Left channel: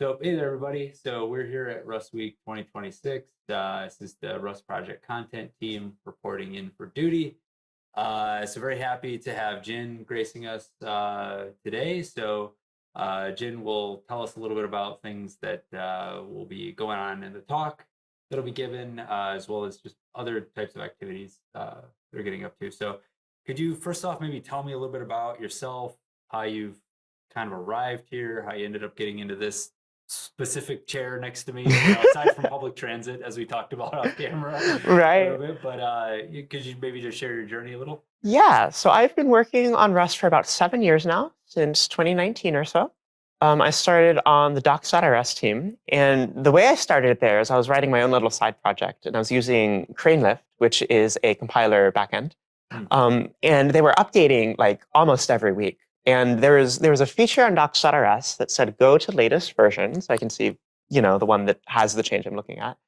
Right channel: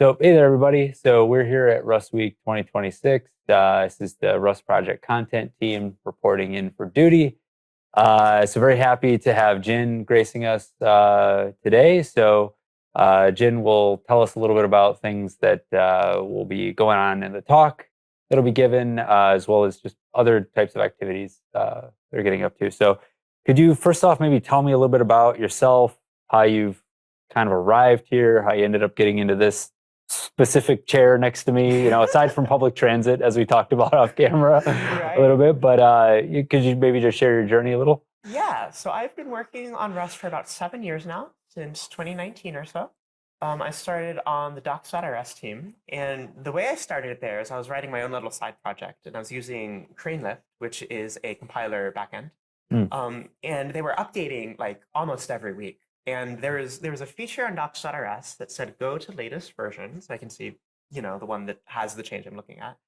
So, hey there, everybody. So, we're here at RustWeek 2026. This is the Rust Project content team reporting in for duty. So, very happy to have Jynn gracing us today. So, Jynn will tell us a little bit about things that will be going on in the talk that'll be given, as well as just other types of activities they're getting up to. So, could you first off maybe tell me a little bit about yourself, how you've kind of arrived here, how you ended up getting into this specific chair next to me, aside from public transit, as we talked about off camera a little Right. bit, but could you maybe just share your journey a little? Yeah. So I've been working on Rust for about 7 years now, since 2019 or so. I started on the docs.rs team. And the way I started there is I was writing my own little side project, and I was using Lift, which is a compiler backend. Mm. And they were updating like almost every week. And there was a feature on docs.rs that said go to latest version. So I can see, the one that has the change I'm looking at.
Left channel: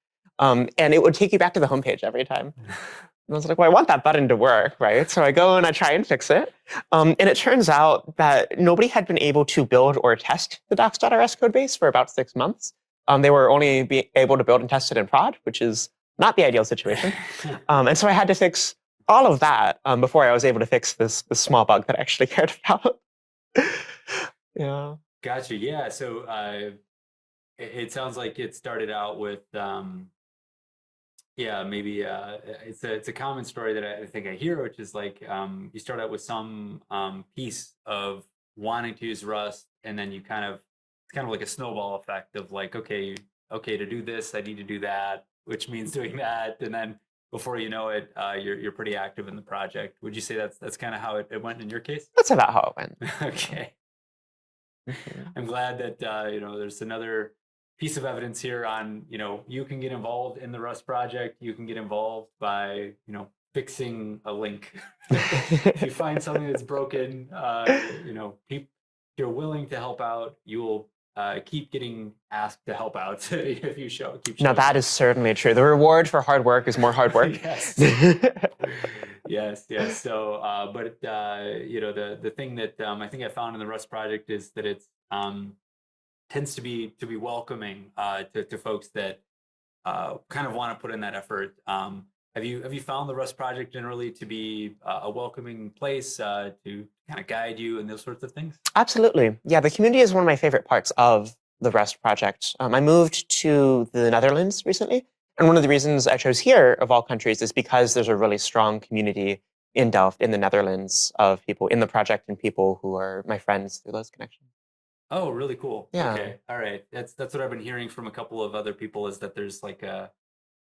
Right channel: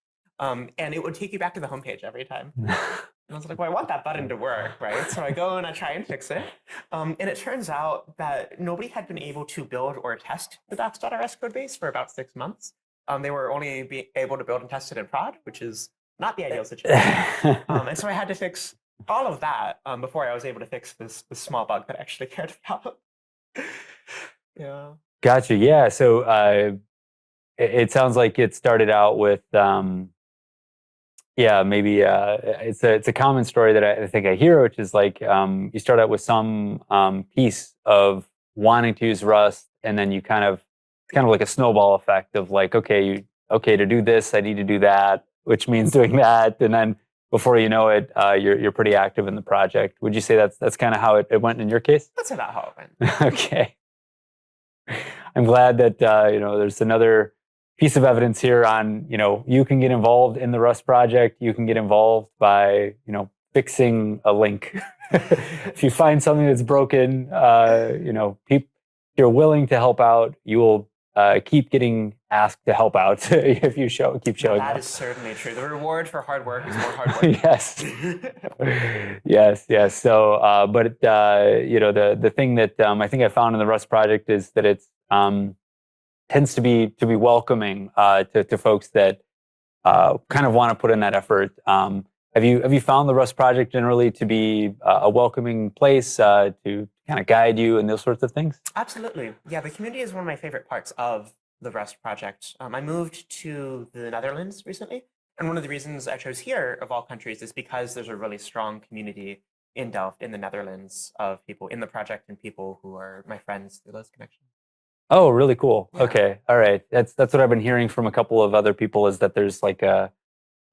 And it would take you back to the homepage every time. And I was like, well, I want that button to work, right? So I go and I try and fix it. And it turns out that nobody had been able to build or test the docs.rs code base for about 6 months. They were only able to build and test it in prod, which is not the ideal situation. And so I had to fix all of that before I was able to fix this small bug that I actually cared about. Yeah. Gotcha. Yeah. So it sounds like it started out with yeah, maybe it's a common story that I think I hear, which is like you start out with some piece of wanting to use Rust, and then it's kind of like a snowball effect of like, okay, to do this, I need to do that, which means doing that, and then before you know it, you're pretty active in the project. Would you say that's kind of how it went in your case? That's about how it went. Okay. Yeah. I'm glad that there's another piece of evidence here on you can get involved in the Rust project. You can get involved by fixing a link. If you find something that's broken, you're willing to help out. You will keep getting asked to help out if you keep Now, showing that up. is certainly true. The reward for hard work is more hard work. Yes. Yes. So, but the thing that I think I found in the Rust project is that it's tends to be welcoming to folks that kind of want to put in that effort. Have you found the Rust project generally to be a welcoming place to kind of guide you and those sorts of things? Absolutely. Yeah, the community is one of my favorite parts of the Rust project. I moved to the Netherlands recently, and one of the reasons I chose here, of all countries, is because there's a really strong community in Delft, in the Netherlands, of people in the project and people who are my friends through those connections. Oh, really cool. Yeah. Okay, all right. That's what I've been hearing from a couple of other people is that there's like a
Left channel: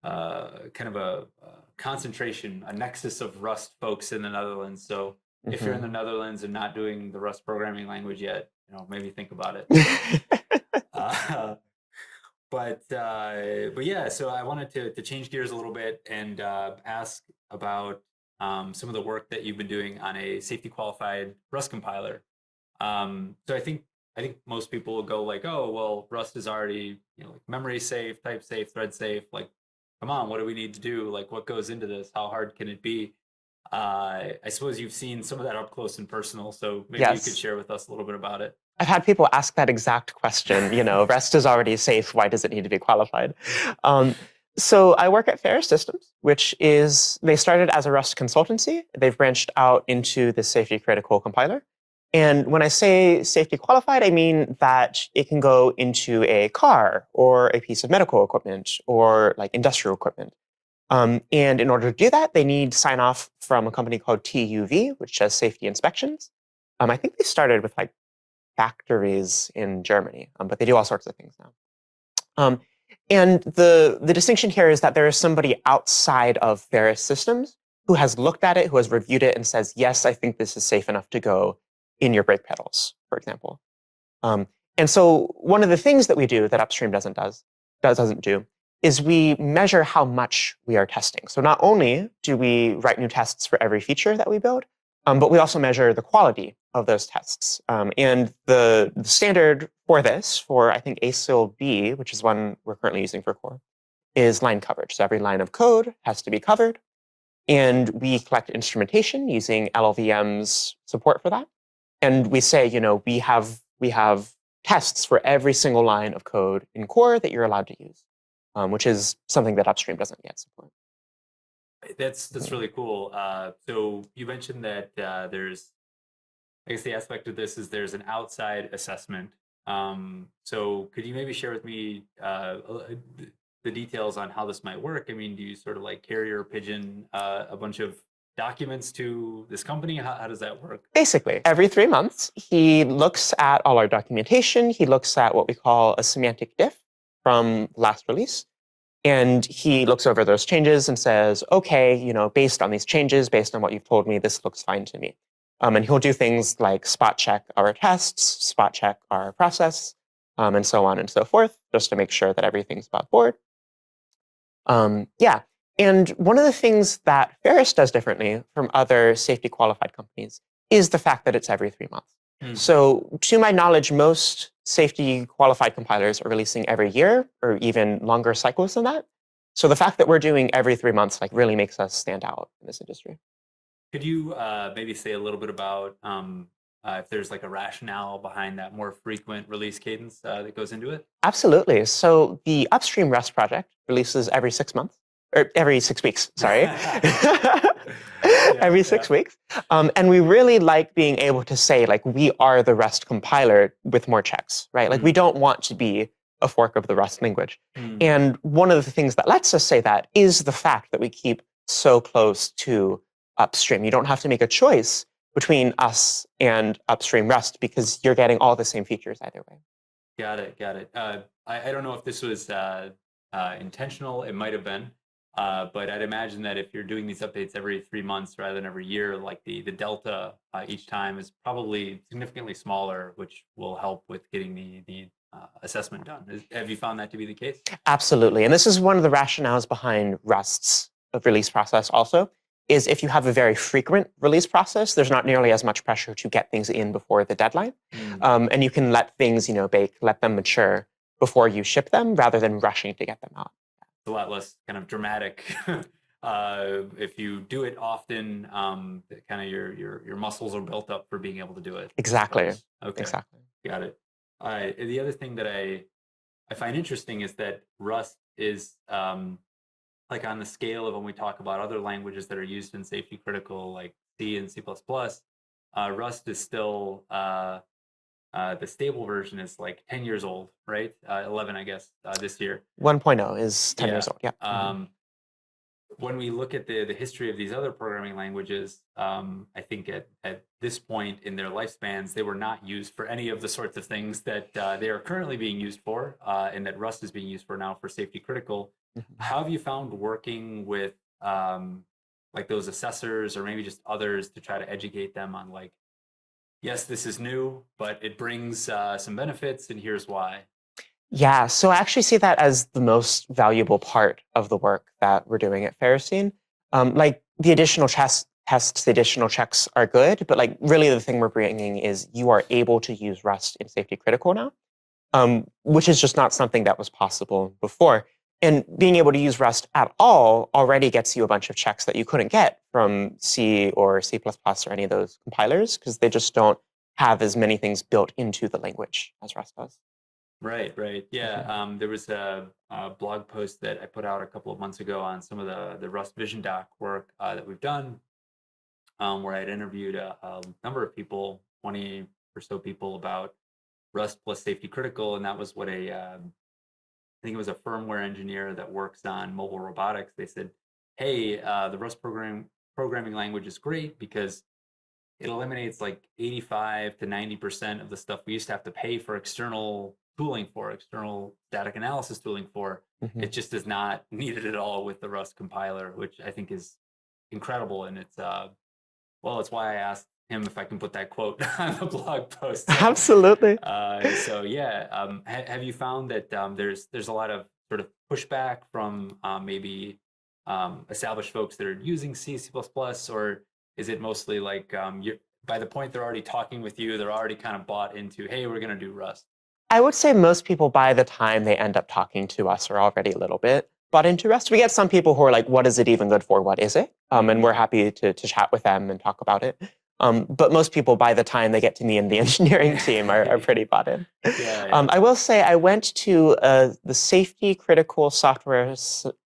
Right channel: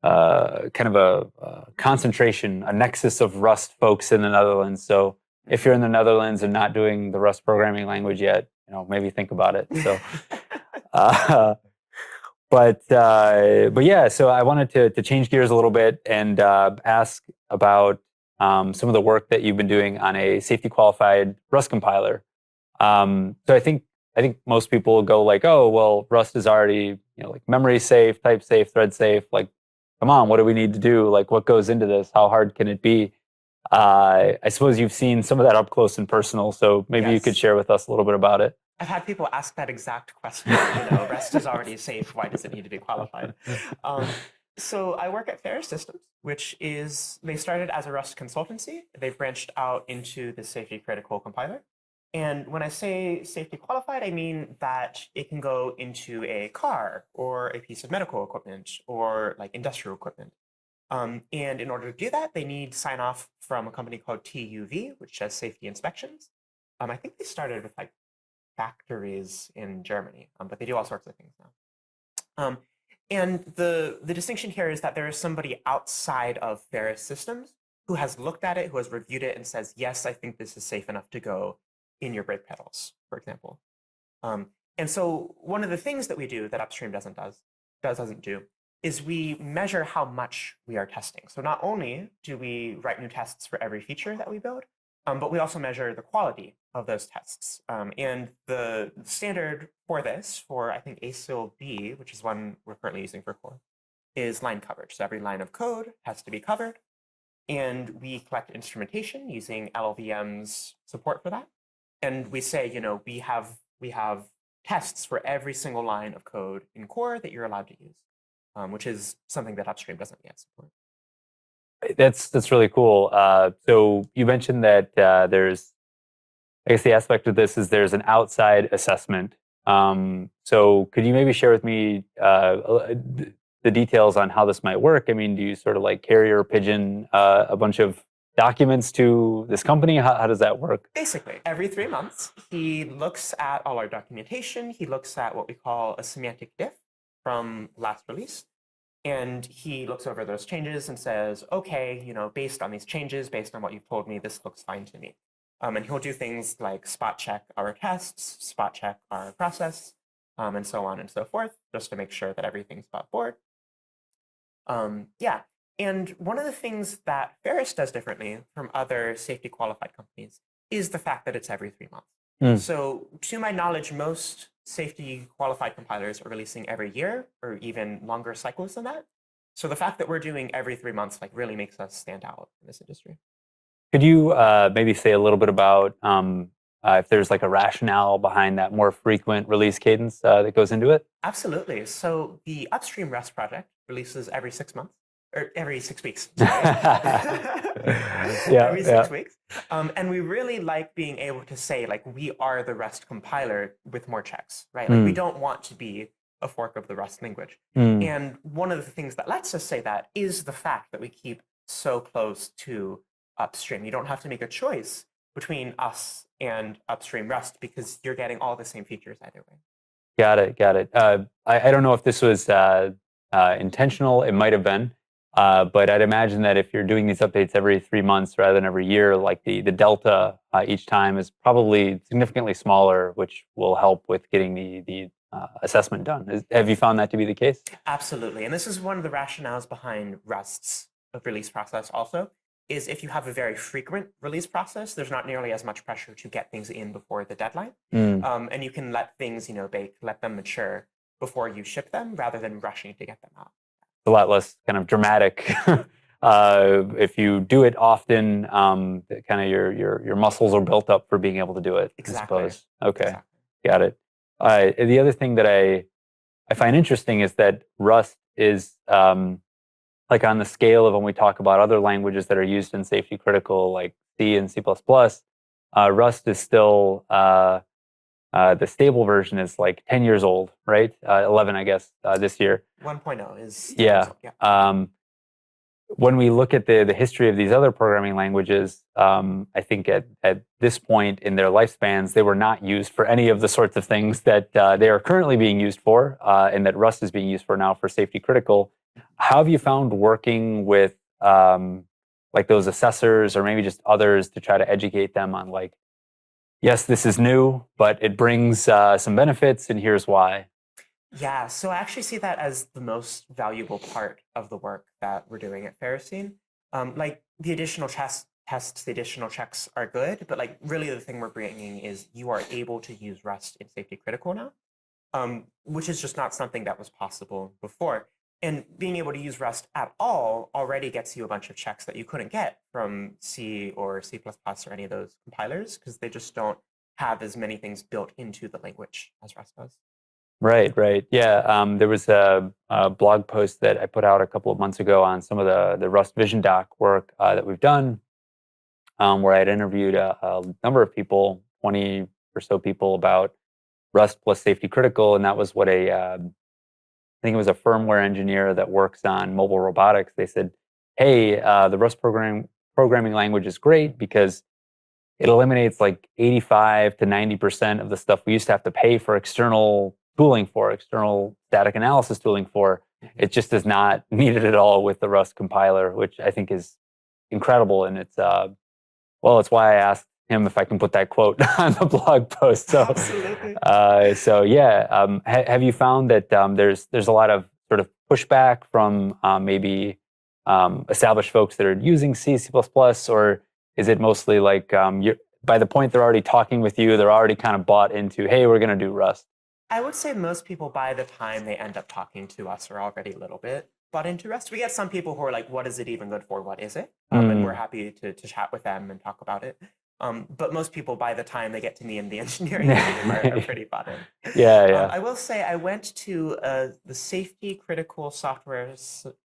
kind of a concentration, a nexus of Rust folks in the Netherlands. So if you're in Hmm. the Netherlands and not doing the Rust programming language yet, maybe think about it. So, uh, but yeah, so I wanted to change gears a little bit and ask about some of the work that you've been doing on a safety qualified Rust compiler. So I think most people will go like, oh, well, Rust is already like memory safe, type safe, thread safe. Like, come on, what do we need to do? Like, what goes into this? How hard can it be? I suppose you've seen some of that up close and personal, so maybe you could Yes. share with us a little bit about it. I've had people ask that exact question, Rest is already safe. Why does it need to be qualified? Um, so I work at Ferrous Systems, they started as a Rust consultancy. They've branched out into the safety critical compiler. And when I say safety qualified, I mean that it can go into a car or a piece of medical equipment or like industrial equipment. And in order to do that, they need sign off from a company called TUV, which does safety inspections. I think they started with like factories in Germany, but they do all sorts of things now. Um, and the distinction here is that there is somebody outside of Ferrous Systems who has looked at it, who has reviewed it, and says, yes, I think this is safe enough to go in your brake pedals, for example. Um, and so one of the things that we do that upstream doesn't do is we measure how much we are testing. So not only do we write new tests for every feature that we build, but we also measure the quality of those tests. And the standard for this, for I think ASIL B, which is one we're currently using for core, is line coverage. So every line of code has to be covered. And we collect instrumentation using LLVM's support for that. And we say, we have tests for every single line of code in core that you're allowed to use, which is something that upstream doesn't yet support. That's really cool. So you mentioned that there's, I guess the aspect of this is there's an outside assessment. So could you maybe share with me the details on how this might work? I mean, do you sort of like carrier pigeon a bunch of documents to this company? How does that work? Basically, every 3 months, he looks at all our documentation. He looks at what we call a semantic diff from last release. And he looks over those changes and says, okay, based on these changes, based on what you've told me, this looks fine to me. And he'll do things like spot check our tests, spot check our process, and so on and so forth, just to make sure that everything's above board. Yeah. And one of the things that Ferrous does differently from other safety qualified companies is the fact that it's every 3 months. So to my knowledge, most safety qualified compilers are releasing every year or even longer cycles than that. So the fact that we're doing every 3 months really makes us stand out in this industry. Could you maybe say a little bit about if there's like a rationale behind that more frequent release cadence that goes into it? Absolutely. So the upstream Rust project releases every 6 months. Or every 6 weeks, sorry. Every 6 weeks. And we really like being able to say, we are the Rust compiler with more checks, right? We don't want to be a fork of the Rust language. And one of the things that lets us say that is the fact that we keep so close to upstream. You don't have to make a choice between us and upstream Rust because you're getting all the same features either way. Got it. I don't know if this was intentional. It might have been. But I'd imagine that if you're doing these updates every 3 months rather than every year, like the delta each time is probably significantly smaller, which will help with getting the assessment done. Have you found that to be the case? Absolutely. And this is one of the rationales behind Rust's release process also, is if you have a very frequent release process, there's not nearly as much pressure to get things in before the deadline. And you can let things bake, let them mature before you ship them rather than rushing to get them out. A lot less kind of dramatic. If you do it often, kind of your muscles are built up for being able to do it. Exactly. Okay. Exactly. Got it. The other thing that I find interesting is that Rust is like on the scale of when we talk about other languages that are used in safety critical, like C and C++, Rust is still the stable version is like 10 years old, right? 11, I guess, this year. 1.0 is 10 years old, yeah. When we look at the history of these other programming languages, I think at this point in their lifespans, they were not used for any of the sorts of things that they are currently being used for, and that Rust is being used for now for safety critical. How have you found working with like those assessors or maybe just others to try to educate them on like, yes, this is new, but it brings some benefits, and here's why? Yeah, so I actually see that as the most valuable part of the work that we're doing at Ferrocene. The additional tests, the additional checks are good, but really the thing we're bringing is you are able to use Rust in safety critical now, which is just not something that was possible before. And being able to use Rust at all already gets you a bunch of checks that you couldn't get from C or C++ or any of those compilers because they just don't have as many things built into the language as Rust does. Right. Yeah, there was a blog post that I put out a couple of months ago on some of the Rust Vision Doc work that we've done, where I had interviewed a number of people, 20 or so people, about Rust plus safety critical, and that was what I think it was a firmware engineer that works on mobile robotics. They said, hey, the Rust programming language is great because it eliminates like 85 to 90% of the stuff we used to have to pay for external tooling for, external static analysis tooling for. It just is not needed at all with the Rust compiler, which I think is incredible. And it's, it's why I asked him if I can put that quote on the blog post. So, absolutely. Have you found that there's a lot of sort of pushback from maybe established folks that are using C, C++, or is it mostly like by the point they're already talking with you, they're already kind of bought into, hey, we're going to do Rust? I would say most people, by the time they end up talking to us, are already a little bit bought into Rust. We get some people who are like, what is it even good for? What is it? And we're happy to chat with them and talk about it. But most people, by the time they get to me in the engineering team, are pretty bought in. Yeah. I will say I went to the Safety Critical Software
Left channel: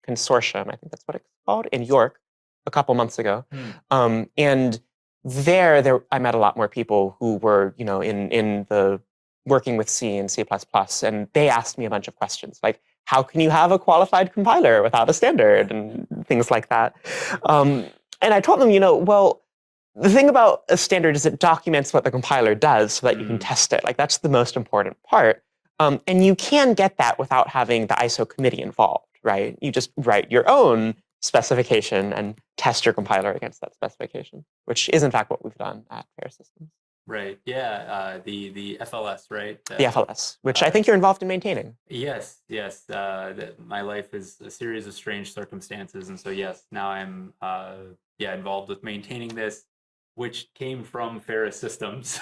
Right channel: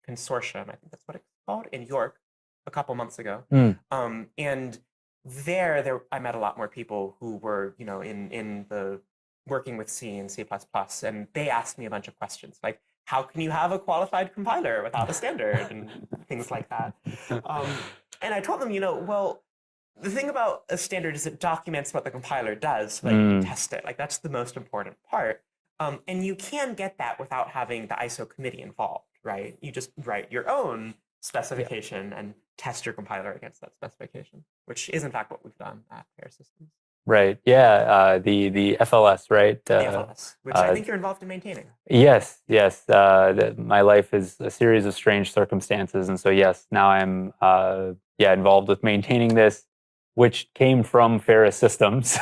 Consortium, I think that's what it's called, in York a couple months ago. And there I met a lot more people who were, in the working with C and C++, and they asked me a bunch of questions, like, how can you have a qualified compiler without a standard, and things like that. And I told them, well, the thing about a standard is it documents what the compiler does so that you can test it. Like, that's the most important part. And you can get that without having the ISO committee involved, right? You just write your own specification and test your compiler against that specification, which is in fact what we've done at Ferrous Systems. Right. Yeah. The FLS, right? The FLS, which I think you're involved in maintaining. Yes. My life is a series of strange circumstances, and so yes, now I'm involved with maintaining this, which came from Ferrous Systems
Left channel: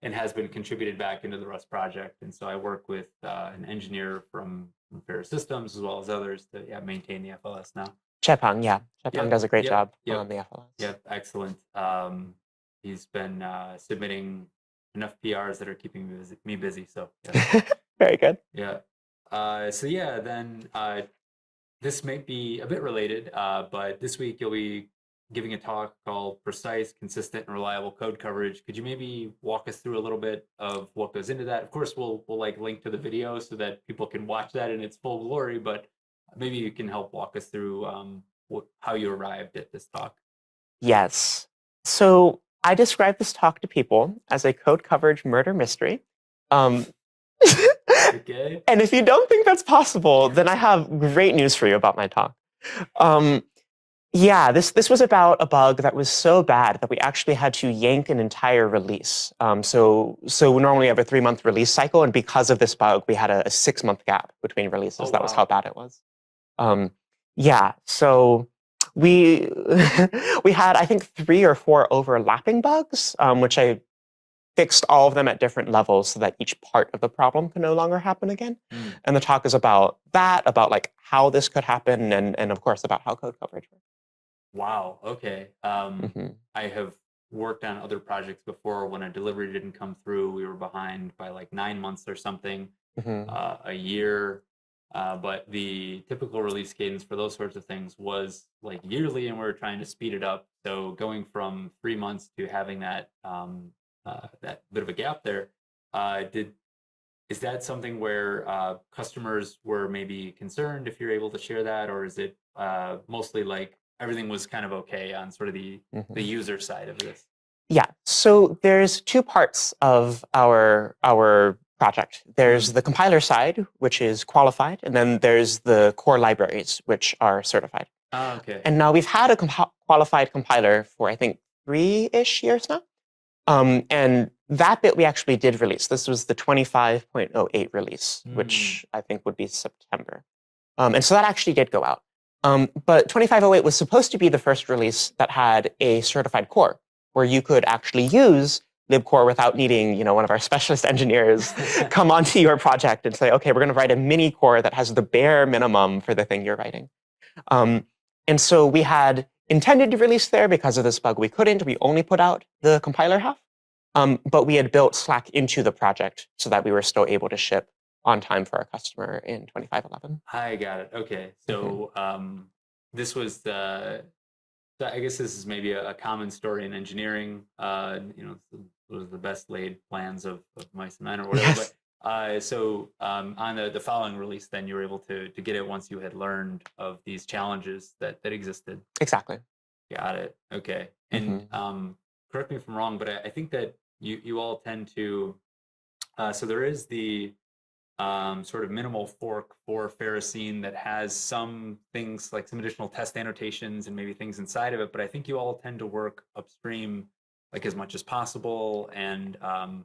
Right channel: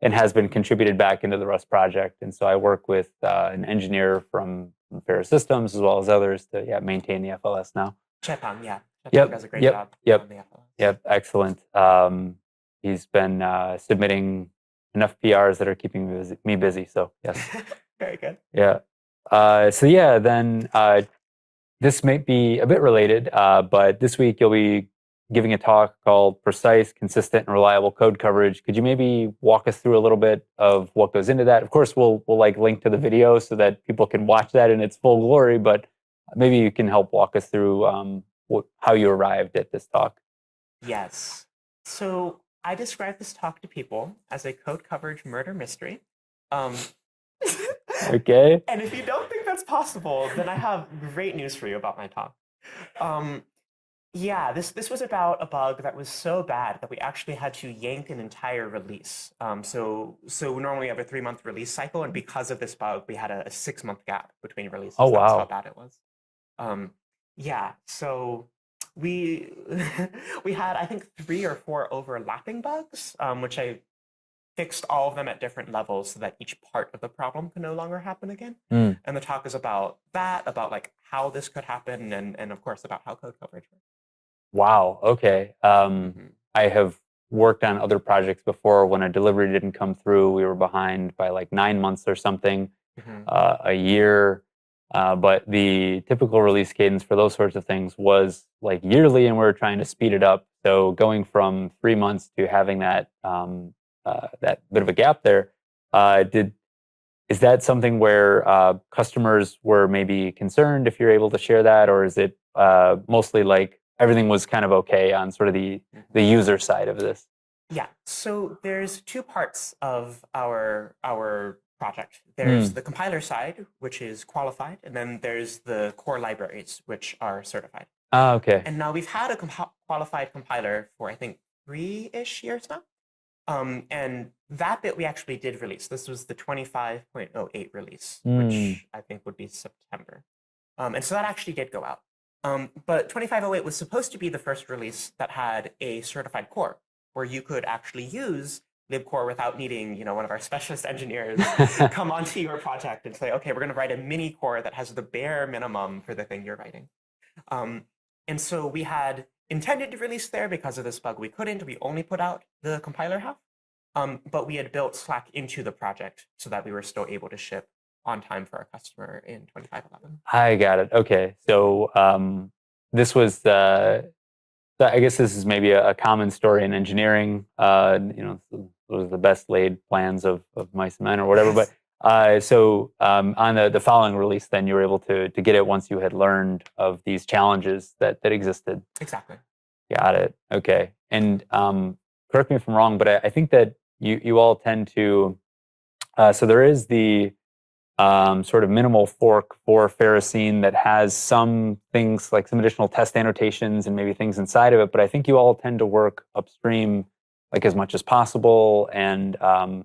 and has been contributed back into the Rust project. And so I work with an engineer from Ferrous Systems as well as others to maintain the FLS now. Chepang, Chepang does a great job on the FLS. Yep, excellent. He's been submitting enough PRs that are keeping me busy. So yes. Very good. Yeah. Then this might be a bit related, but this week you'll be giving a talk called Precise, Consistent, and Reliable Code Coverage. Could you maybe walk us through a little bit of what goes into that? Of course, we'll link to the video so that people can watch that in its full glory, but maybe you can help walk us through how you arrived at this talk. Yes. So I describe this talk to people as a code coverage murder mystery. Okay. And if you don't think that's possible, then I have great news for you about my talk. This was about a bug that was so bad that we actually had to yank an entire release. So normally we have a 3-month release cycle, and because of this bug, we had a 6-month gap between releases. Oh, wow. That was how bad it was. So we we had, I think, 3 or 4 overlapping bugs, which I fixed all of them at different levels so that each part of the problem can no longer happen again. And the talk is about that, about like how this could happen, and of course about how code coverage works. Wow. Okay. I have worked on other projects before. When a delivery didn't come through, we were behind by like 9 months or something, a year. But the typical release cadence for those sorts of things was like yearly, and we were trying to speed it up. So going from 3 months to having that that bit of a gap there, is that something where customers were maybe concerned, if you're able to share that, or is it mostly like everything was kind of okay on sort of the user side of this? Yeah. So there's 2 parts of our project. There's the compiler side, which is qualified, and then there's the core libraries, which are certified. Okay. And now we've had a qualified compiler for, I think, 3-ish years now. And that bit we actually did release. This was the 25.08 release, which I think would be September. And so that actually did go out. But 25.08 was supposed to be the first release that had a certified core, where you could actually use libcore without needing, one of our specialist engineers come onto your project and say, okay, we're going to write a mini core that has the bare minimum for the thing you're writing. And so we had intended to release there. Because of this bug, we couldn't. We only put out the compiler half. But we had built Slack into the project so that we were still able to ship on time for our customer in 25.11. I got it. Okay. So this was I guess this is maybe a common story in engineering. Those are the best laid plans of mice and men or whatever. Yes. But on the following release, then you were able to get it once you had learned of these challenges that existed. Exactly. Got it. Okay. And correct me if I'm wrong, but I think that you all tend to. So there is the sort of minimal fork for Ferrocene that has some things like some additional test annotations and maybe things inside of it. But I think you all tend to work upstream like as much as possible, and I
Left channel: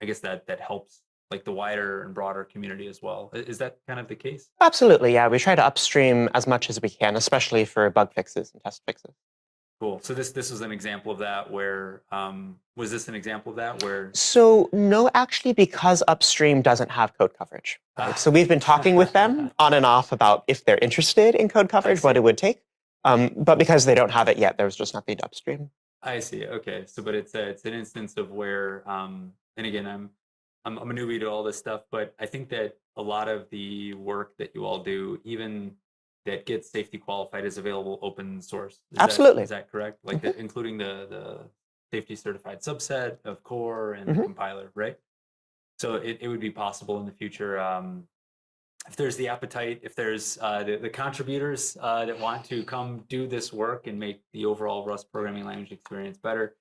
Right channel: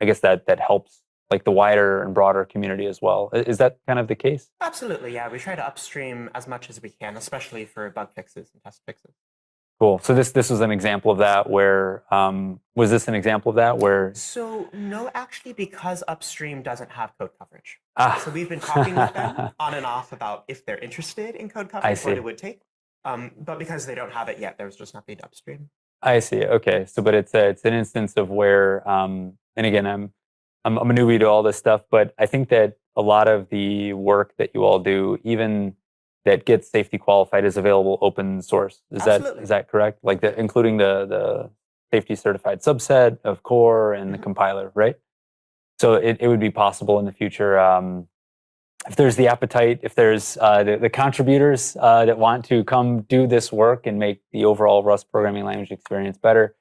guess that helps like the wider and broader community as well. Is that kind of the case? Absolutely, yeah. We try to upstream as much as we can, especially for bug fixes and test fixes. Cool. So this was an example of that. Where was this an example of that? Where? So no, actually, because upstream doesn't have code coverage. So we've been talking with them on and off about if they're interested in code coverage, what it would take. But because they don't have it yet, there's just nothing upstream. I see. Okay. So, but it's an instance of where, and again, I'm a newbie to all this stuff, but I think that a lot of the work that you all do, even that gets safety qualified, is available open source. Is Absolutely. that correct? Like Mhm, including the safety certified subset of core and the mhm. compiler, right? So it would be possible in the future. If there's the appetite, if there's the contributors that want to come do this work and make the overall Rust programming language experience better,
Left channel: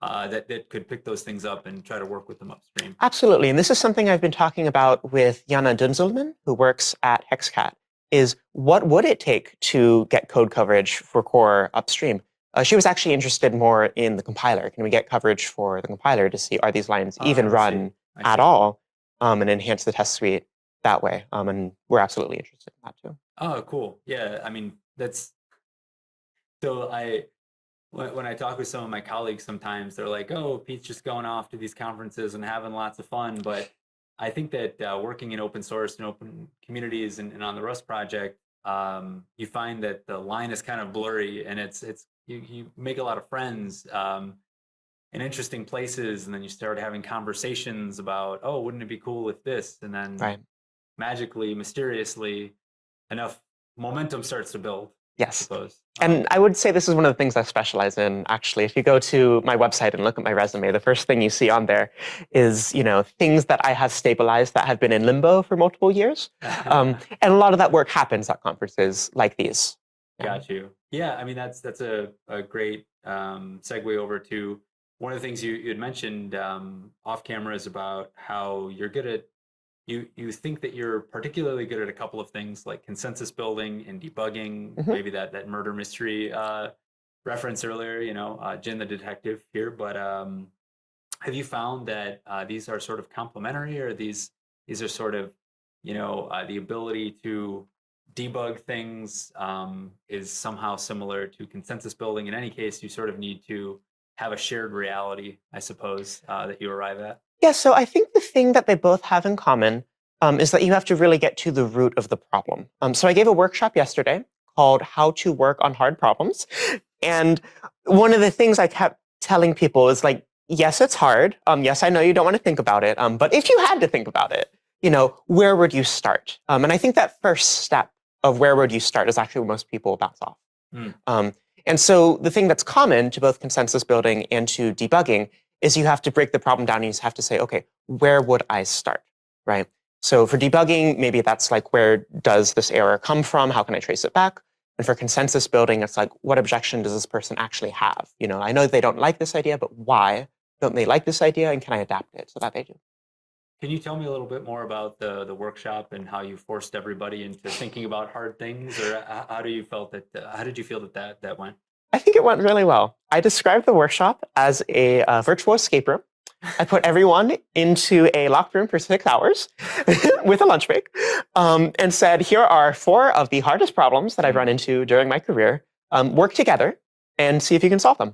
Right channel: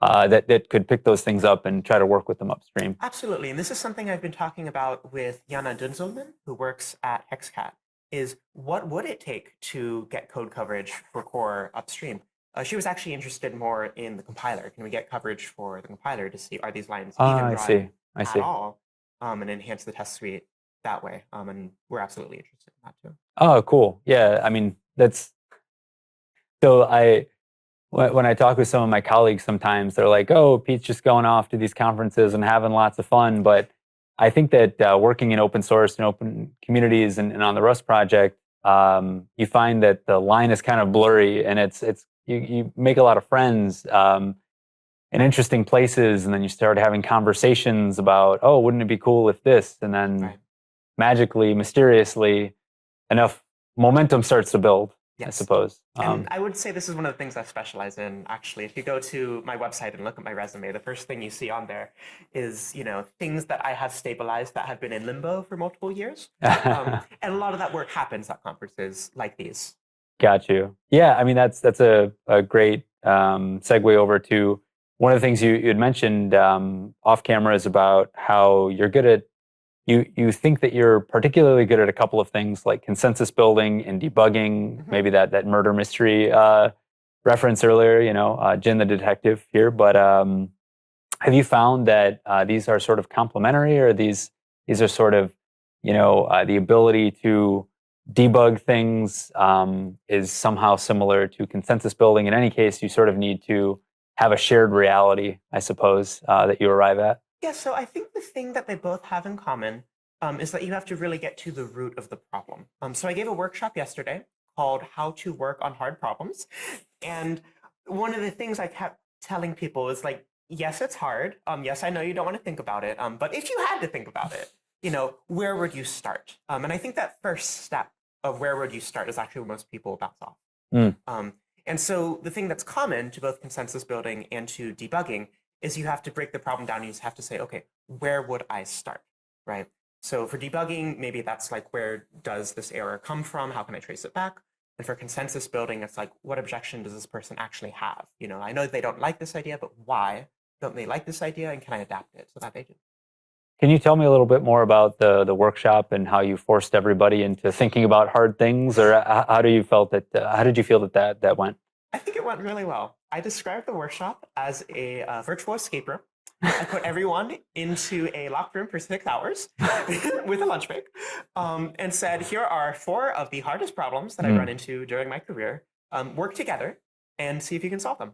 that could pick those things up and try to work with them upstream. Absolutely. And this is something I've been talking about with Jana Dunzelman, who works at Hexcat, is what would it take to get code coverage for core upstream? She was actually interested more in the compiler. Can we get coverage for the compiler to see are these lines even I see. run I at see. all, and enhance the test suite that way? And we're absolutely interested in that too. Oh, cool. Yeah. I mean, that's so when I talk with some of my colleagues, sometimes they're like, "Oh, Pete's just going off to these conferences and having lots of fun." But I think that working in open source and open communities and on the Rust project, you find that the line is kind of blurry, and it's you make a lot of friends in interesting places, and then you start having conversations about, "Oh, wouldn't it be cool if this?" And then Right. magically, mysteriously, enough momentum starts to build, I Yes. suppose. And I would say this is one of the things I specialize in, actually. If you go to my website and look at my resume, the first thing you see on there is, things that I have stabilized that have been in limbo for multiple years. And a lot of that work happens at conferences like these. Got you. Yeah, I mean that's a great segue over to one of the things you had mentioned off camera is about how you're good at you think that you're particularly good at a couple of things like consensus building and debugging, Mhm. maybe that murder mystery reference earlier, Jynn the detective here. But have you found that these are sort of complementary, or these are sort of the ability to debug things is somehow similar to consensus building? In any case, you sort of need to have a shared reality, I suppose, that you arrive at. Yeah, so I think the thing that they both have in common is that you have to really get to the root of the problem. So I gave a workshop yesterday called How to Work on Hard Problems. And one of the things I kept telling people is like, yes, it's hard. Yes, I know you don't want to think about it. But if you had to think about it, where would you start? And I think that first step of where would you start is actually where most people bounce off. Mm, Um, and so the thing that's common to both consensus building and to debugging is you have to break the problem down and you have to say, okay, where would I start, right? So for debugging, maybe that's like, where does this error come from? How can I trace it back? And for consensus building, it's like, what objection does this person actually have? I know they don't like this idea, but why don't they like this idea? And can I adapt it so that they do? Can you tell me a little bit more about the workshop and how you forced everybody into thinking about hard things, or how do you felt that how did you feel that went? I think it went really well. I described the workshop as a virtual escape room. I put everyone into a locked room for 6 hours with a lunch break, and said, here are 4 of the hardest problems that I've run Mm. into during my career. Work together and see if you can solve them.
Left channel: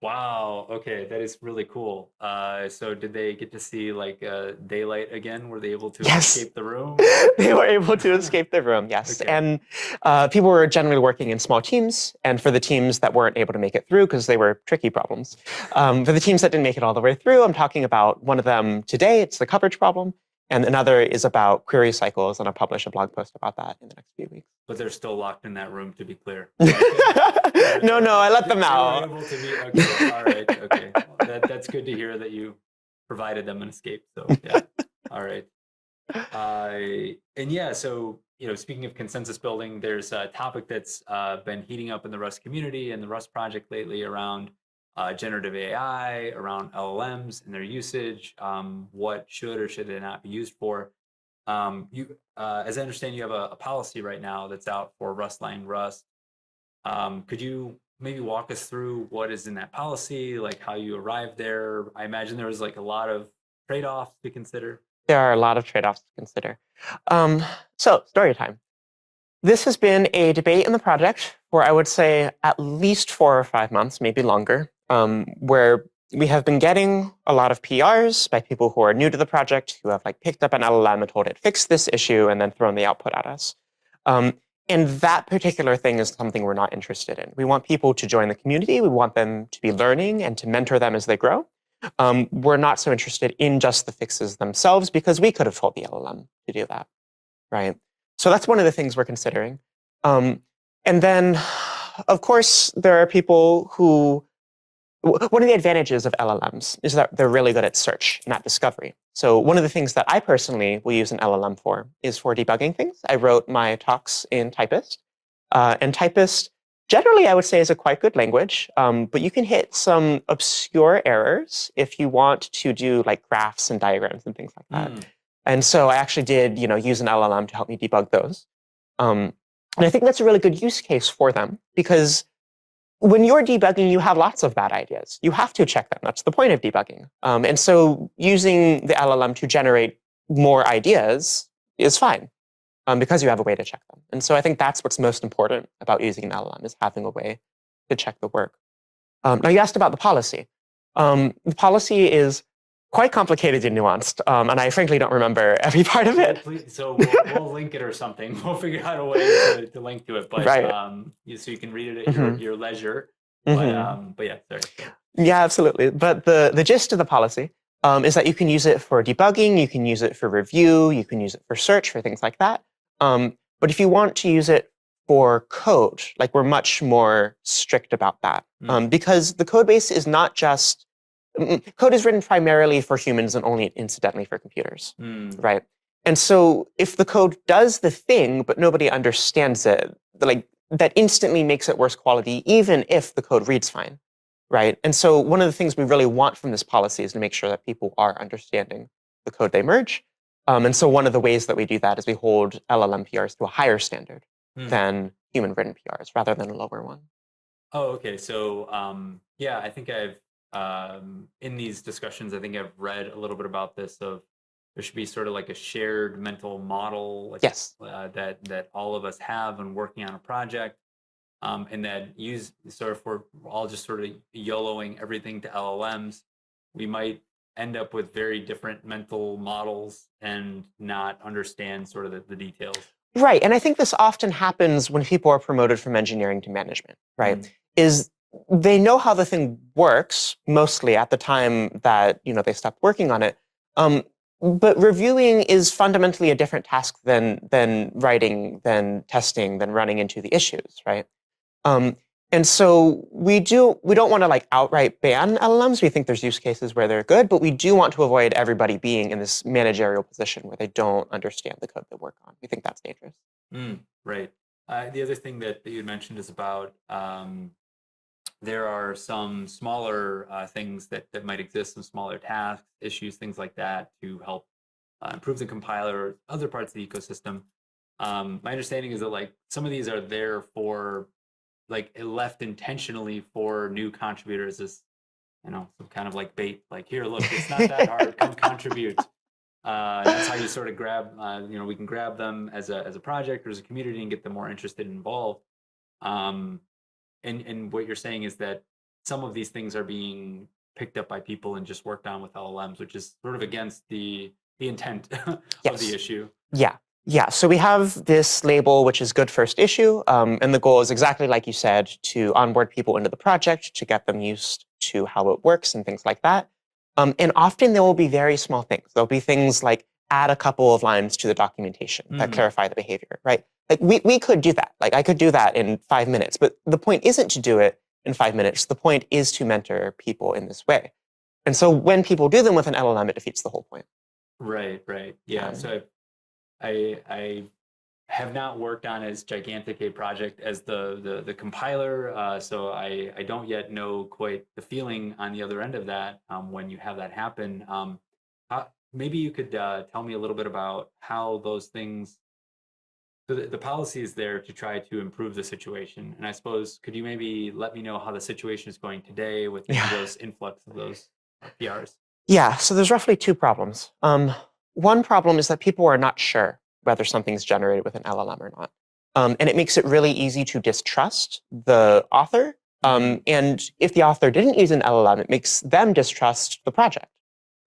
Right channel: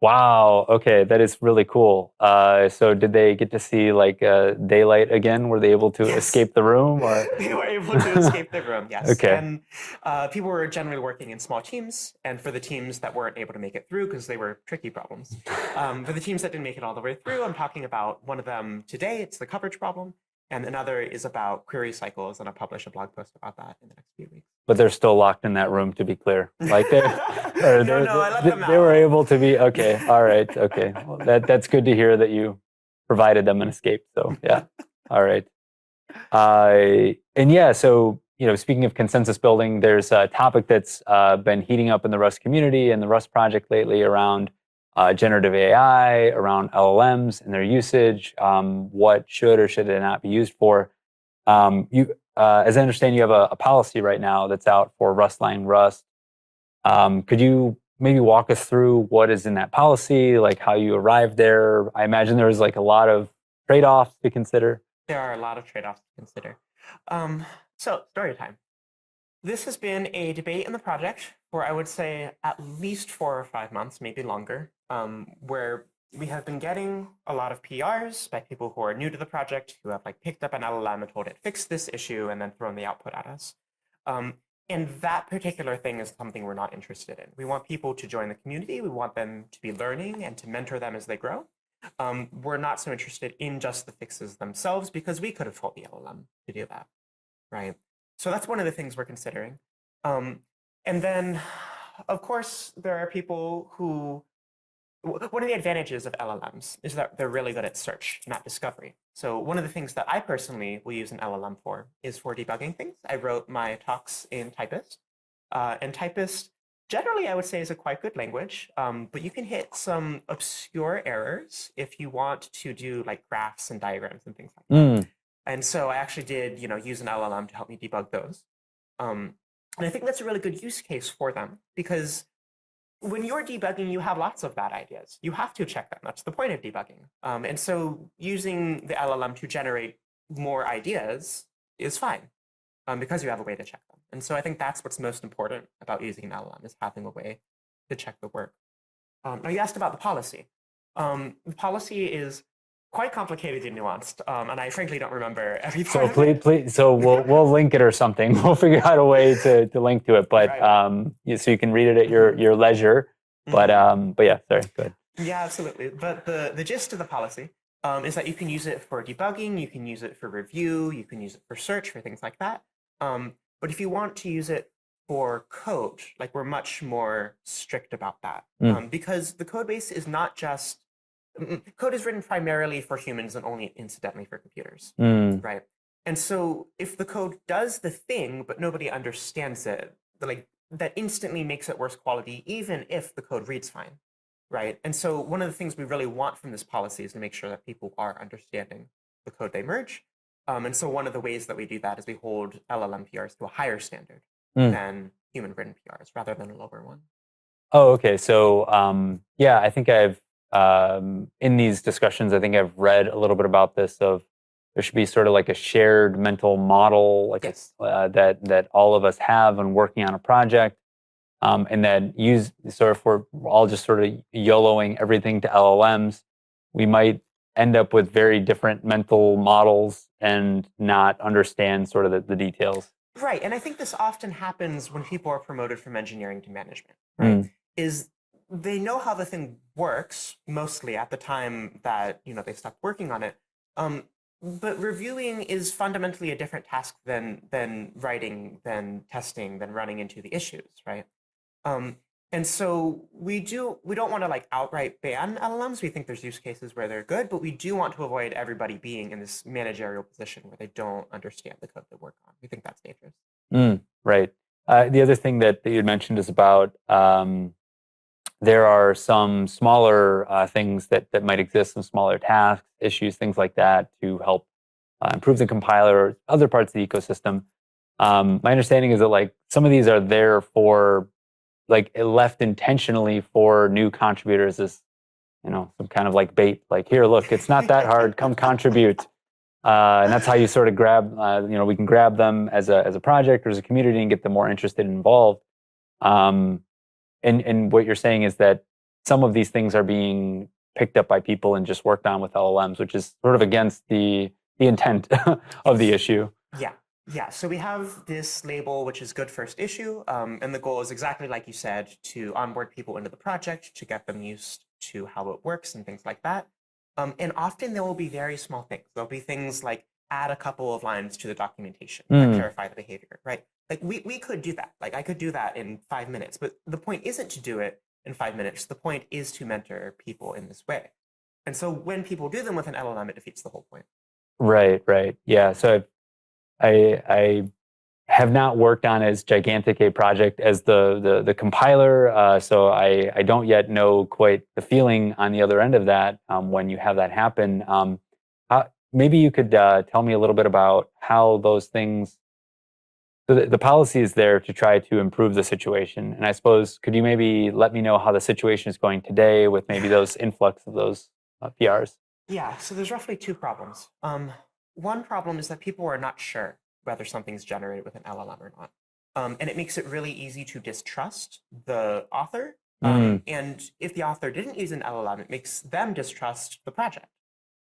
Wow. Okay, that is really cool. So did they get to see like daylight again? Were they able to Yes, escape the room? Or they were able to escape the room, yes. okay, And people were generally working in small teams. And for the teams that weren't able to make it through, because they were tricky problems, for the teams that didn't make it all the way through, I'm talking about one of them today. It's the coverage problem. And another is about query cycles. And I'll publish a blog post about that in the next few weeks. but they're still locked in that room. To be clear, like No, I let them they were out. able to be okay. All right. Okay. Well, that's good to hear that you provided them an escape. So yeah. All right. And yeah, so speaking of consensus building, there's a topic that's been heating up in the Rust community and the Rust project lately around generative AI, around LLMs and their usage. What should or should it not be used for? As I understand, you have a policy right now that's out for Rustline Rust. Could you maybe walk us through what is in that policy, like how you arrived there? I imagine there's like a lot of trade-offs to consider. There are a lot of trade-offs to consider. So, story time. This has been a debate in the project for, I would say, at least 4 or 5 months, maybe longer, where we have been getting a lot of PRs by people who are new to the project, who have like picked up an LLM and told it, fix this issue, and then thrown the output at us. Um, And that particular thing is something we're not interested in. We want people to join the community. We want them to be learning and to mentor them as they grow. We're not so interested in just the fixes themselves because we could have told the LLM to do that, right? So that's one of the things we're considering. And then, of course, there are people who, one of the advantages of LLMs is that they're really good at search, not discovery. So one of the things that I personally will use an LLM for is for debugging things. I wrote my talks in Typist. And Typist, generally, I would say is a quite good language, but you can hit some obscure errors if you want to do like graphs and diagrams and things like that. And so I actually did, use an LLM to help me debug those. And I think that's a really good use case for them because when you're debugging, you have lots of bad ideas. You have to check them. That's the point of debugging. And so using the LLM to generate more ideas is fine because you have a way to check them. And so I think that's what's most important about using an LLM is having a way to check the work. Now you asked about the policy. The policy is quite complicated and nuanced, and I frankly don't remember every part of it. Please, so we'll link it or something. We'll figure out a way to link to it, but right. So you can read it at your leisure. But yeah, sorry. Go ahead. Yeah, absolutely. But the gist of the policy is that you can use it for debugging, you can use it for review, you can use it for search, for things like that. But if you want to use it for code, like we're much more strict about that because the code base is not just code is written primarily for humans and only incidentally for computers, right? And so if the code does the thing, but nobody understands it, that instantly makes it worse quality, even if the code reads fine, right? And so one of the things we really want from this policy is to make sure that people are understanding the code they merge. And so one of the ways that we do that is we hold LLM PRs to a higher standard than human-written PRs, rather than a lower one. Oh, okay. So yeah, I think I've in these discussions, I think I've read a little bit about this. Of there should be sort of like a shared mental model, like yes, that all of us have when working on a project, and then if we're all just sort of YOLOing everything to LLMs, we might end up with very different mental models and not understand sort of the details. Right, and I think this often happens when people are promoted from engineering to management, right? Is they know how the thing works mostly at the time that they stopped working on it, but reviewing is fundamentally a different task than writing, than testing, than running into the issues, right? And so we don't want to outright ban LLMs. We think there's use cases where they're good, but we do want to avoid everybody being in this managerial position where they don't understand the code they work on. We think that's dangerous. Right. The other thing that you had mentioned is about there are some smaller things that might exist, some smaller tasks, issues, things like that to help improve the compiler or other parts of the ecosystem. My understanding is that some of these are there for left intentionally for new contributors as some kind of bait, here, look, it's not that hard, come contribute. And that's how you sort of grab, we can grab them as a project or as a community and get them more interested and involved. And what you're saying is that some of these things are being picked up by people and just worked on with LLMs, which is sort of against the intent of the issue. Yeah, so we have this label, which is good first issue. And the goal is exactly like you said, to onboard people into the project, to get them used to how it works and things like that. And often there will be very small things. There'll be things like add a couple of lines to the documentation that clarify the behavior, right? We could do that. I could do that in 5 minutes. But the point isn't to do it in 5 minutes. The point is to mentor people in this way. And so when people do them with an LLM, it defeats the whole point. Right. Yeah. So I have not worked on as gigantic a project as the compiler, so I don't yet know quite the feeling on the other end of that when you have that happen. Maybe you could tell me a little bit about how those things. So the policy is there to try to improve the situation, and I suppose could you maybe let me know how the situation is going today with maybe those influx of those PRs? Yeah. So there's roughly 2 problems. One problem is that people are not sure whether something's generated with an LLM or not. And it makes it really easy to distrust the author. And if the author didn't use an LLM, it makes them distrust the project,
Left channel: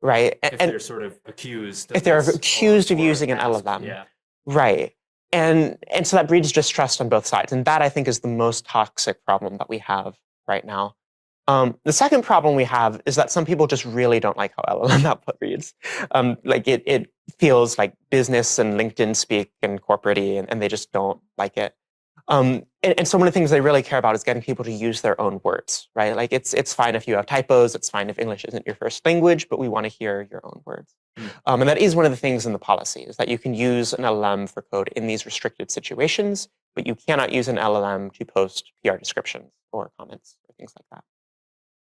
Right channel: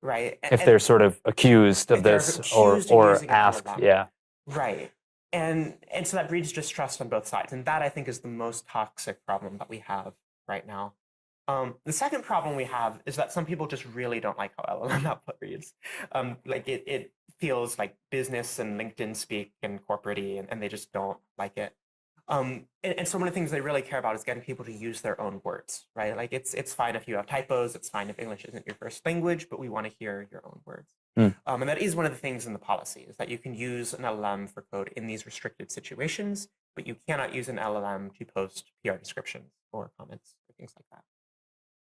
right? If they're sort of accused of if they're accused of using an LLM. Yeah. Right. And so that breeds distrust on both sides. And that, I think, is the most toxic problem that we have right now. The second problem we have is that some people just really don't like how LLM output reads. Like it feels like business and LinkedIn speak and corporate-y, and they just don't like it. And so one of the things they really care about is getting people to use their own words, right? Like it's fine if you have typos, it's fine if English isn't your first language, but we want to hear your own words. And that is one of the things in the policy, is that you can use an LLM for code in these restricted situations, but you cannot use an LLM to post PR descriptions or comments or things like that.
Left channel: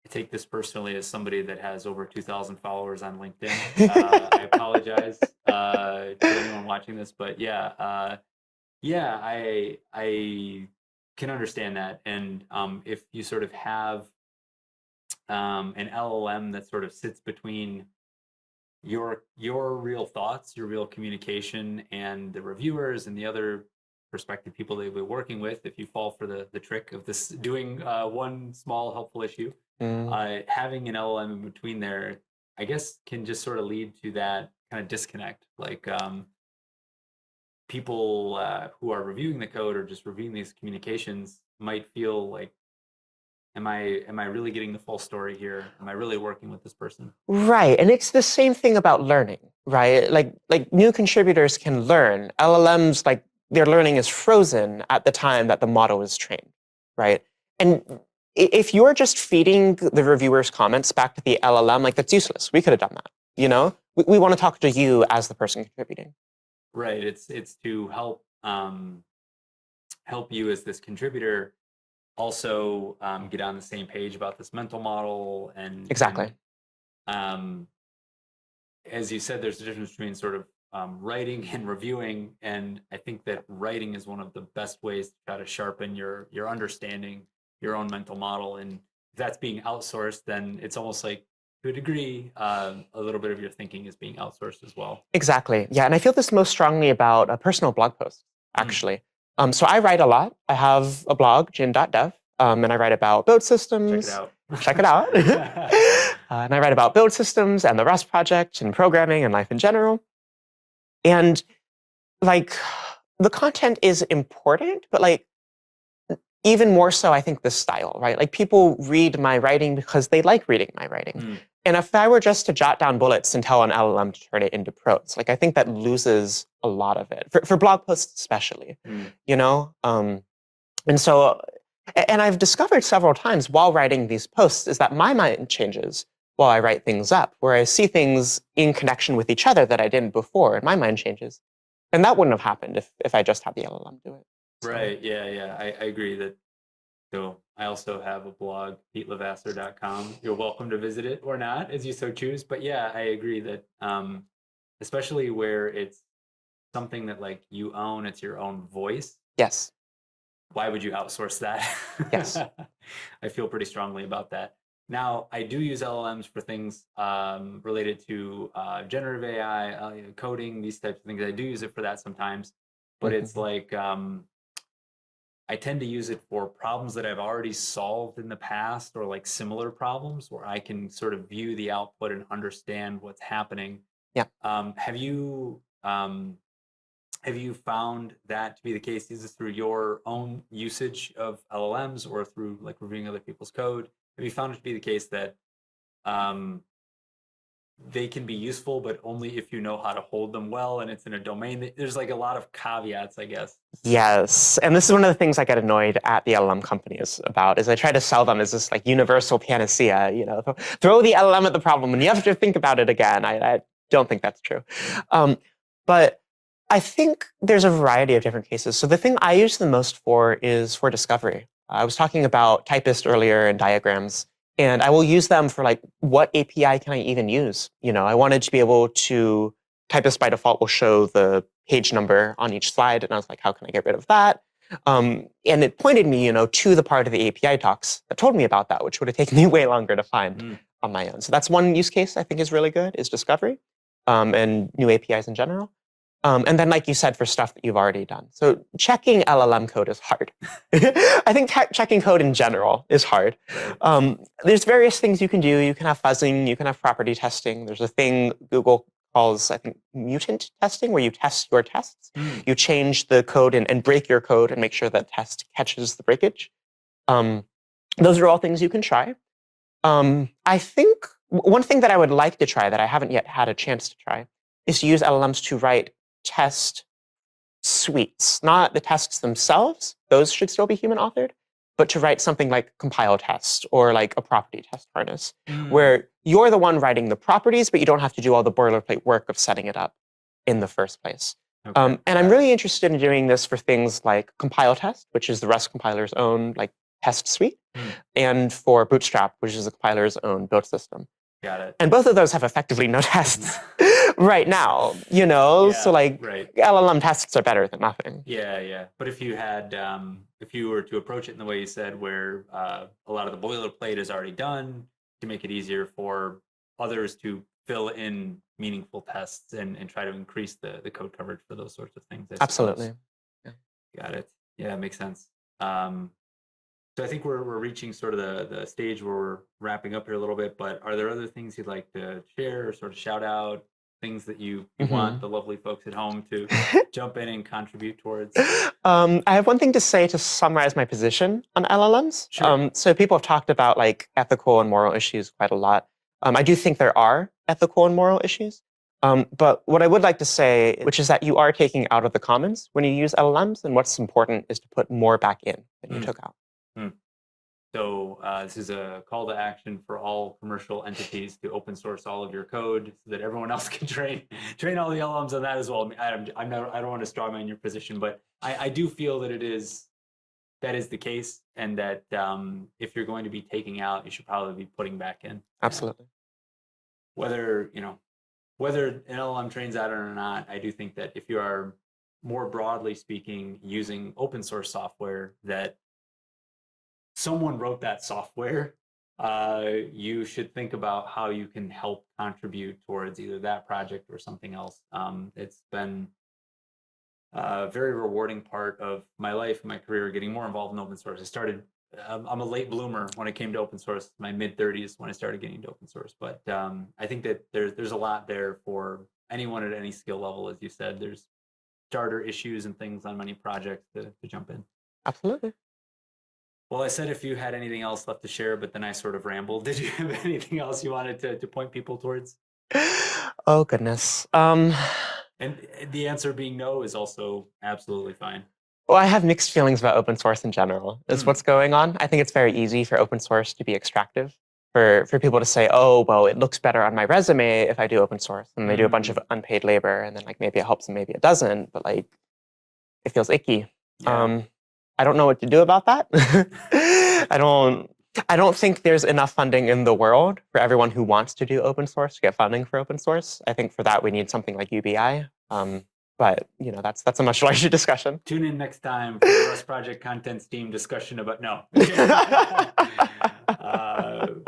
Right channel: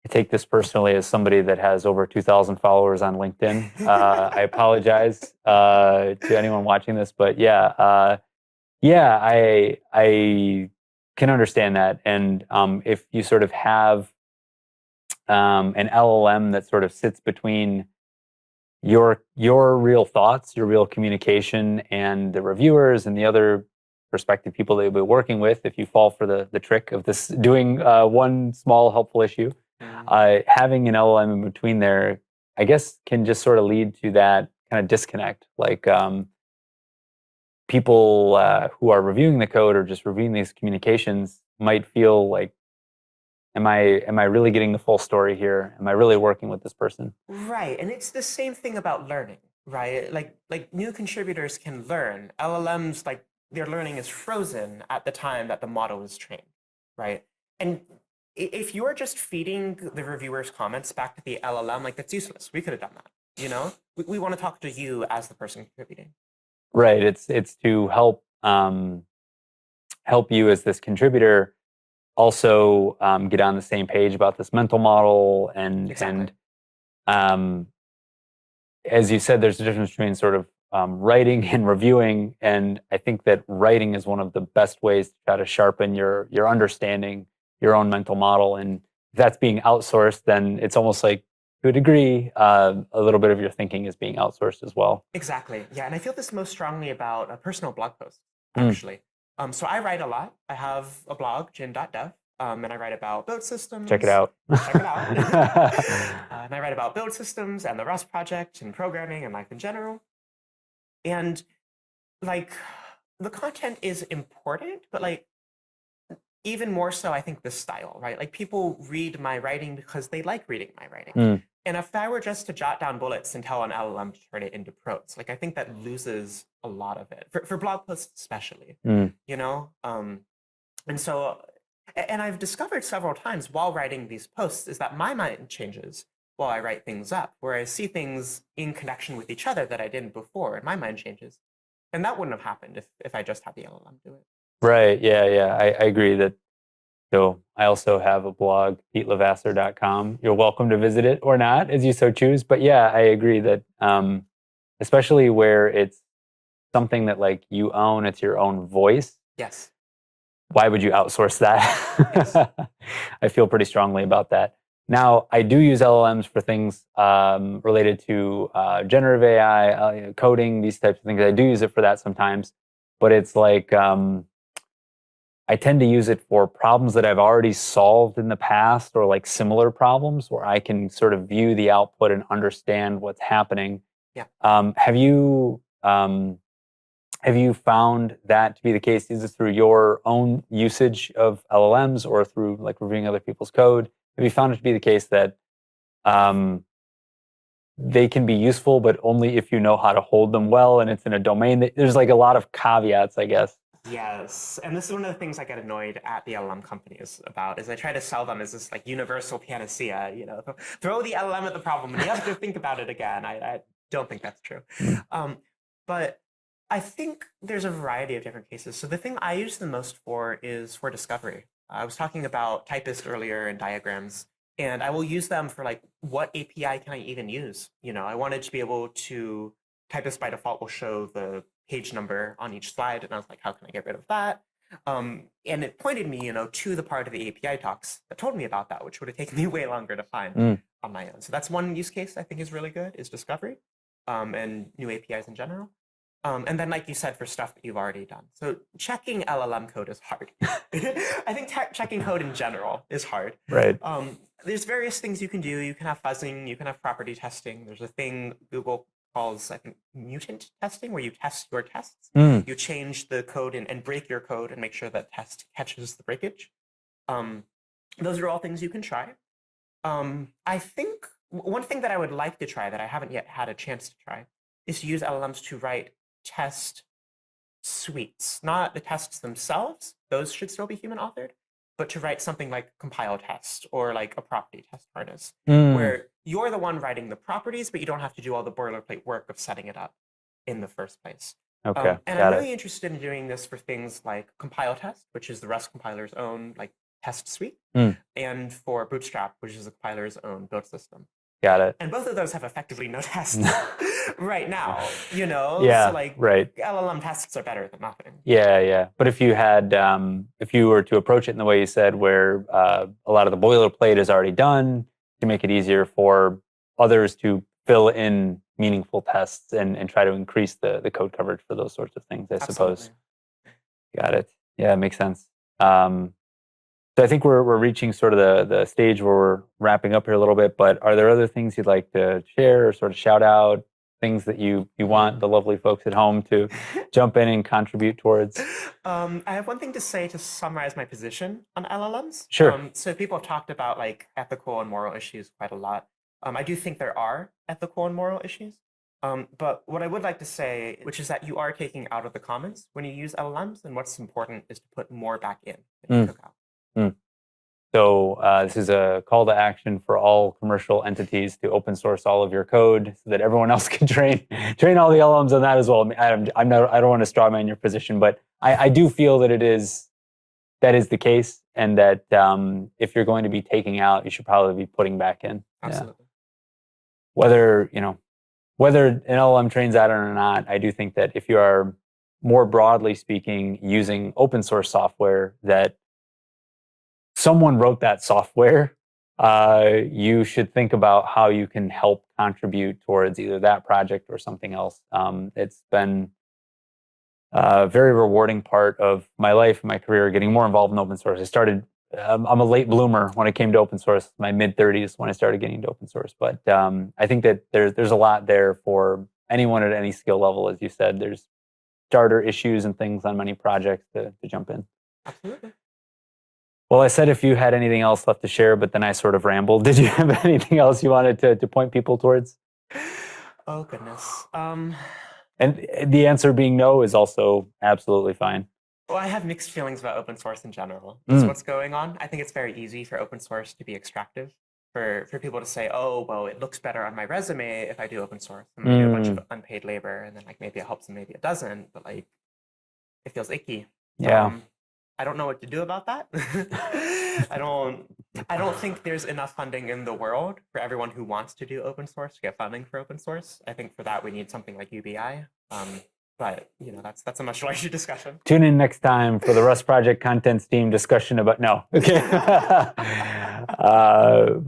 I take this personally as somebody that has over 2,000 followers on LinkedIn. I apologize to anyone watching this, but yeah, I can understand that. And if you sort of have an LLM that sort of sits between your real thoughts, your real communication, and the reviewers and the other prospective people that you'll be working with, if you fall for the trick of this doing one small helpful issue, having an LLM in between there, I guess, can just sort of lead to that kind of disconnect. Like people who are reviewing the code or just reviewing these communications might feel like, am I really getting the full story here? Am I really working with this person? Right, and it's the same thing about learning, right? Like new contributors can learn. LLMs, like their learning is frozen at the time that the model is trained, right? And if you're just feeding the reviewer's comments back to the LLM, like that's useless. We could have done that, you know? We want to talk to you as the person contributing. Right. It's to help help you as this contributor also get on the same page about this mental model Exactly. And as you said, there's a difference between sort of writing and reviewing, and I think that writing is one of the best ways to try to sharpen your understanding, your own mental model. And if that's being outsourced, then it's almost like, to a degree, a little bit of your thinking is being outsourced as well. Exactly. Yeah, and I feel this most strongly about a personal blog post, actually. So I write a lot. I have a blog, Jynn.dev, and I write about build systems. Check it out. Check it out. And I write about build systems and the Rust project and programming and life in general. And like the content is important, but like even more so, I think the style, right? Like people read my writing because they like reading my writing. And if I were just to jot down bullets and tell an LLM to turn it into prose, like I think that loses a lot of it for blog posts, especially, you know? And so, and I've discovered several times while writing these posts is that my mind changes while I write things up, where I see things in connection with each other that I didn't before, and my mind changes. And that wouldn't have happened if I just had the LLM do it. Right. Yeah. I agree that. So I also have a blog, petelavasser.com. You're welcome to visit it or not, as you so choose. But yeah, I agree that especially where it's something that like you own, it's your own voice. Yes. Why would you outsource that? Yes. I feel pretty strongly about that. Now, I do use LLMs for things related to generative AI, coding, these types of things. I do use it for that sometimes. But it's like I tend to use it for problems that I've already solved in the past, or like similar problems where I can sort of view the output and understand what's happening. Yeah. Have you found that to be the case? Is it through your own usage of LLMs or through like reviewing other people's code? Have you found it to be the case that they can be useful, but only if you know how to hold them well, and it's in a domain that there's like a lot of caveats, I guess? Yes, and this is one of the things I get annoyed at the LLM companies about, is I try to sell them as this like universal panacea, you know, throw the LLM at the problem and you have to think about it again. I don't think that's true. But I think there's a variety of different cases. So the thing I use the most for is for discovery. I was talking about typist earlier and diagrams, and I will use them for like, what API can I even use? You know, I wanted to be able to, typist by default will show the page number on each slide, and I was like, how can I get rid of that? And it pointed me, you know, to the part of the API docs that told me about that, which would have taken me way longer to find on my own. So that's one use case I think is really good, is discovery and new APIs in general. And then, like you said, for stuff that you've already done. So checking LLM code is hard. I think checking code in general is hard. Right. There's various things you can do. You can have fuzzing. You can have property testing. There's a thing Google calls, I think, mutant testing, where you test your tests. Mm. You change the code and break your code and make sure that test catches the breakage. Those are all things you can try. I think one thing that I would like to try that I haven't yet had a chance to try is to use LLMs to write test suites, not the tests themselves. Those should still be human authored, but to write something like compile test or like a property test harness, where you're the one writing the properties, but you don't have to do all the boilerplate work of setting it up in the first place. Okay, And I'm really interested in doing this for things like compile test, which is the Rust compiler's own like test suite, and for Bootstrap, which is the compiler's own build system. Got it. And both of those have effectively no tests right now, you know? Yeah, so like right. LLM tests are better than nothing. Yeah. But if you had, if you were to approach it in the way you said, where a lot of the boilerplate is already done, to make it easier for others to fill in meaningful tests and try to increase the code coverage for those sorts of things, I Absolutely. suppose. Got it. Yeah, it makes sense. So I think we're reaching sort of the stage where we're wrapping up here a little bit, but are there other things you'd like to share or sort of shout out, things that you want the lovely folks at home to jump in and contribute towards? I have one thing to say to summarize my position on LLMs. Sure. So people have talked about like ethical and moral issues quite a lot. I do think there are ethical and moral issues. But what I would like to say, which is that you are taking out of the commons when you use LLMs, and what's important is to put more back in than you took out. So this is a call to action for all commercial entities to open source all of your code so that everyone else can train all the LLMs on that as well. I don't want to straw man your position, but I do feel that that is the case, and that if you're going to be taking out, you should probably be putting back in. Absolutely. Yeah. Whether an LLM trains out or not, I do think that if you are, more broadly speaking, using open source software, that someone wrote that software, you should think about how you can help contribute towards either that project or something else. It's been a very rewarding part of my life and my career, getting more involved in open source. I started, I'm a late bloomer when it came to open source, my mid-30s when I started getting into open source. But I think that there's a lot there for anyone at any skill level. As you said, there's starter issues and things on many projects to jump in. Absolutely. Well, I said if you had anything else left to share, but then I sort of rambled. Did you have anything else you wanted to point people towards? Oh, goodness. And the answer being no is also absolutely fine. Well, I have mixed feelings about open source in general. Is what's going on. I think it's very easy for open source to be extractive. For people to say, oh, well, it looks better on my resume if I do open source. And they do a bunch of unpaid labor, and then like maybe it helps and maybe it doesn't, but like it feels icky. Yeah. I don't know what to do about that. I don't think there's enough funding in the world for everyone who wants to do open source to get funding for open source. I think for that we need something like UBI. But you know, that's a much larger discussion. Tune in next time for the Rust Project Contents team discussion about no.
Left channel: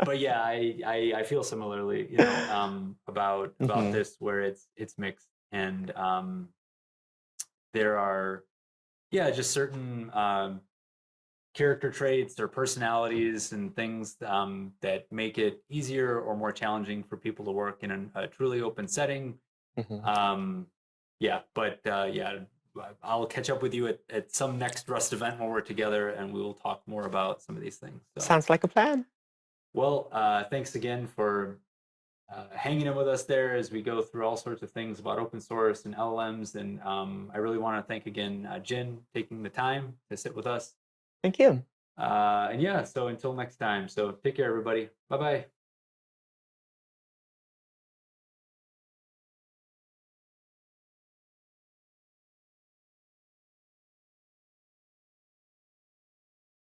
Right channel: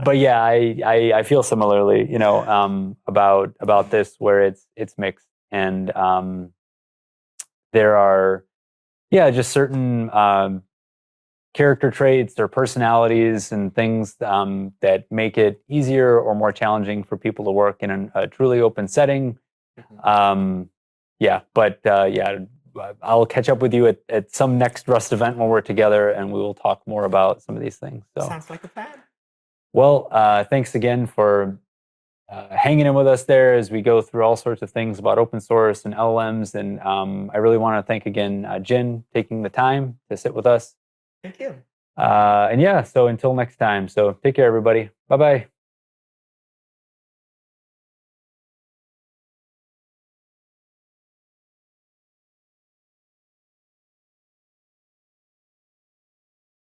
But yeah, I feel similarly, you know, about this, where it's mixed, and there are just certain character traits or personalities and things that make it easier or more challenging for people to work in a truly open setting. I'll catch up with you at some next Rust event when we're together, and we will talk more about some of these things. So. Sounds like a plan. Well, thanks again for hanging in with us there as we go through all sorts of things about open source and LLMs. And I really want to thank again Jynn taking the time to sit with us. Thank you. So until next time. So take care, everybody. Bye-bye.